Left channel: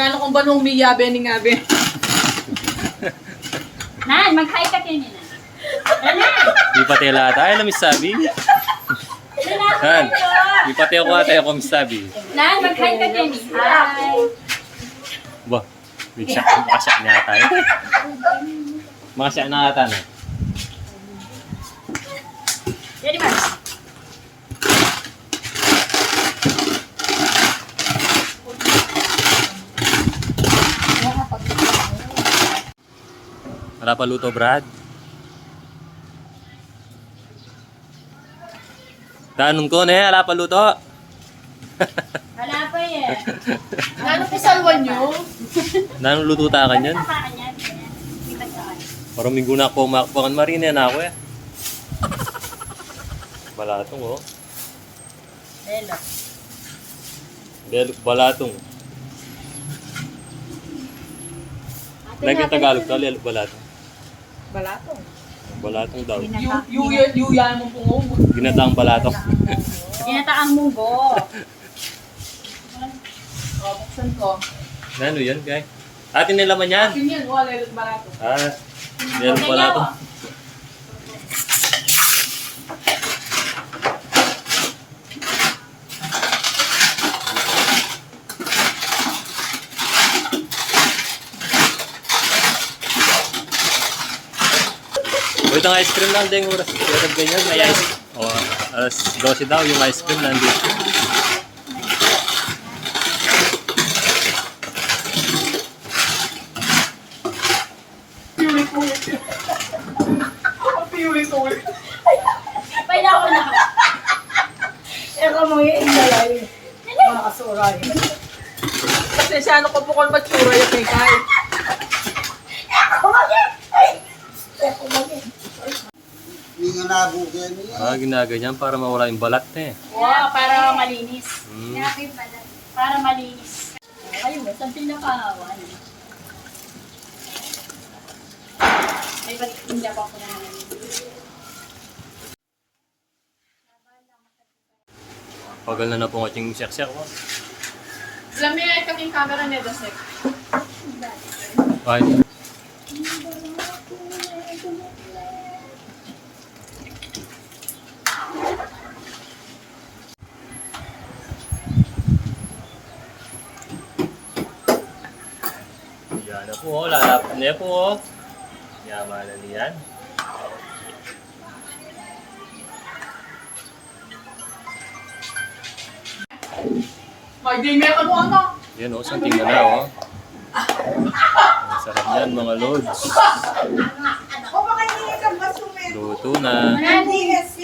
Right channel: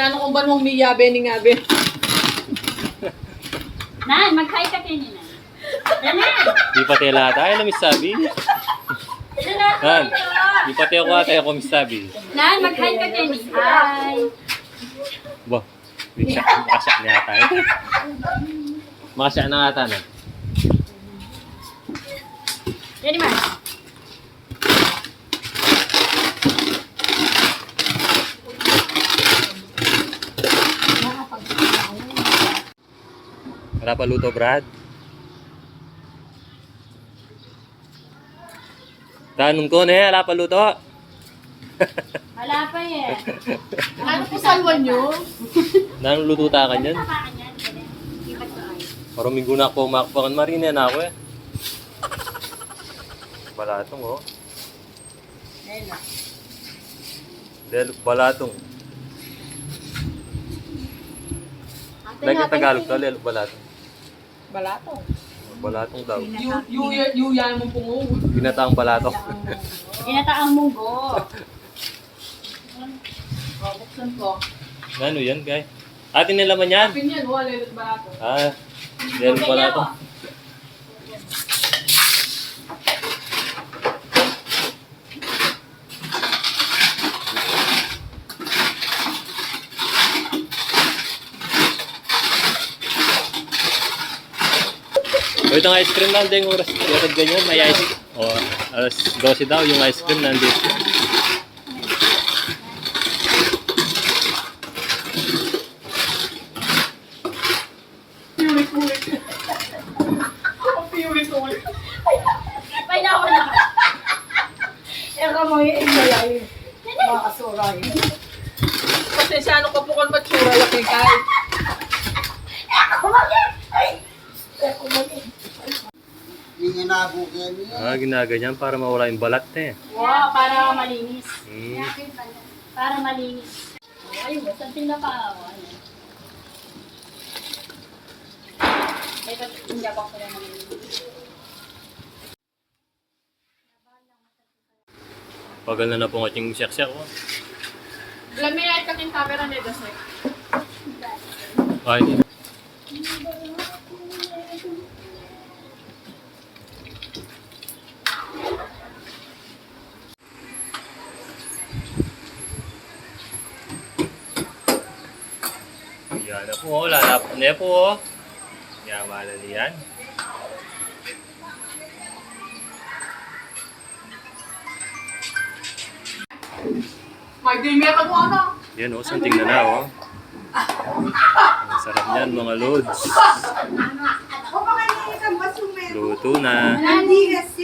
Gano'n kong banong miyabe ni ngabe. Nan, mag-hi ka kayo nila. Di pati lahat tayo na misabi. Nan, di pati ako tayo ko misabi. Nan, mag-hi ka kayo nila. Hi. Bah, makasyak niya tayo. Makasyak na ata na. Ready, Mars? Wala pa luto, Brad. Tanong ko na wala pa luto. Wala pa eh. Ano po salwan nyo? Nanong luto ta ka yan? Nakakaan yan. Parang minggu na ako makpakan marina na ako eh. Balatong oh. Hello. Dahil balatong. Lagi Tagalog daw, lalo balatong. Balatong. Balatong daw. Yuya mo pungong. Ginataang balatong. Ginataang munggo. Buksan ko. Ano yan, guys? Atin nilaman yan. Akin yan, wala yung balatong. Ah, lalo balatong. Wait ang ice cream lang din oras. Yarag ganyan, may ice. O, alas 12 daw yung ice cream nandito. Piulit-ulit. Piulit-ulit. May nawa na ka. Ero mga ingalay. Mga kasuray. Pasensyano ko po kung matsura yung kay. Hindi nga nabugyan niya. Ah, ginaganyan para mawala yung balat eh. Wow, para malinis. Hmm. Para malinis. Ay mo, saan pinakawan? Ay, ba't hindi ako na malinis? Pagal na po ating siyak-siyak ko. Lamay ay kaming camera ni Dasek. Ay, yan na po, lalapot na po. Yamanan niyan. May dinga ka mo ano? Yan o, santing na na o. Ang sarap niyan mga loads. Luto na. Hindi kasi